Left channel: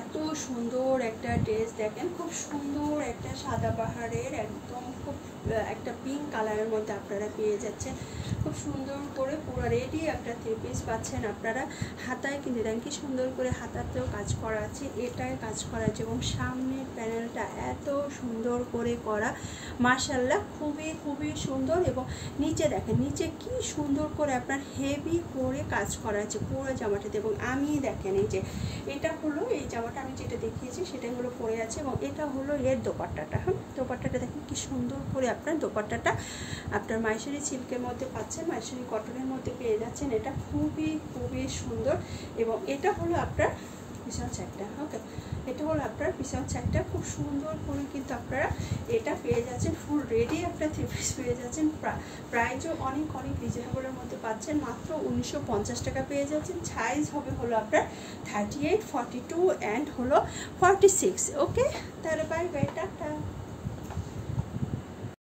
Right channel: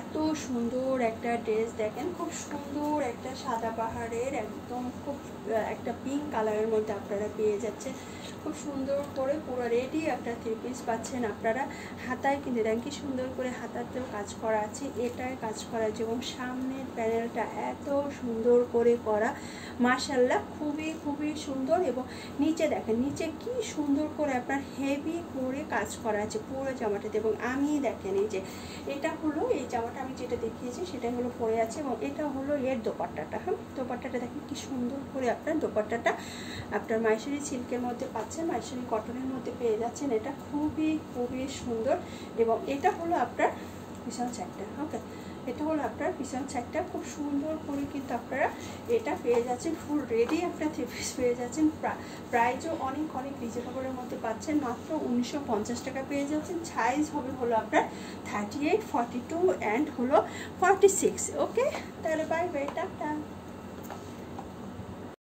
এত সুন্দর একটা ড্রেস দেখেন, খুব সুন্দর একটা সাদা পাহাড়ের একদম খুব একটা পিঙ্ক কালারের মধ্যে আপনারা পেয়ে যাচ্ছেন। খুব সুন্দর করে পুরো রেডি একটা 3 পিস পাচ্ছেন আপনারা। হাতায় কিন্তু দেখেন কি সুন্দর করে হাতাতেও কাজ করা আছে, এটায় কাজ করা আছে এবং সামনের প্যানেলটা এত সুন্দর করে করা, মাশাআল্লাহ খুবই সুন্দর। এবং নিচে দেখেন, নিচে কি সুন্দর করে আপনার হেভি করে কাজ করা আছে পুরো জামাটাতে। এবং আমি দেখেন এই যে এটা হলো এই জামাটা আমি যেটা দেখিয়েছি সেটাই হলো পরে আছে এবং এটা হলো এর দোপাট্টাটা। হ্যাঁ, দোপাট্টাটা দেখেন কি সুন্দর করে আপনার দোপাট্টাটা আপনার মাইশারি সিল্কের মধ্যে পাচ্ছেন, মাইশারি কটনের মধ্যে পেয়ে যাচ্ছেন। এটা খুবই সুন্দর। এবং এটা হলো আপনার পিছন সাইডটা। ওকে, এটা হলো আপনার পিছন সাইডটা, খুব সুন্দর করে কিন্তু আপনারা এটা পেয়ে যাচ্ছেন। ফুল রেডি একটা 3 পিস পেয়ে যাচ্ছেন। প্রাইসও অনেক রিজনেবলের মধ্যে পাচ্ছেন, মাত্র 1950 টাকা পেয়ে যাচ্ছেন। সাইজ হবে হলো আপনার 38, 42 অ্যান্ড হলো 46। ওকে, তাহলে বাই বাই, টাটা।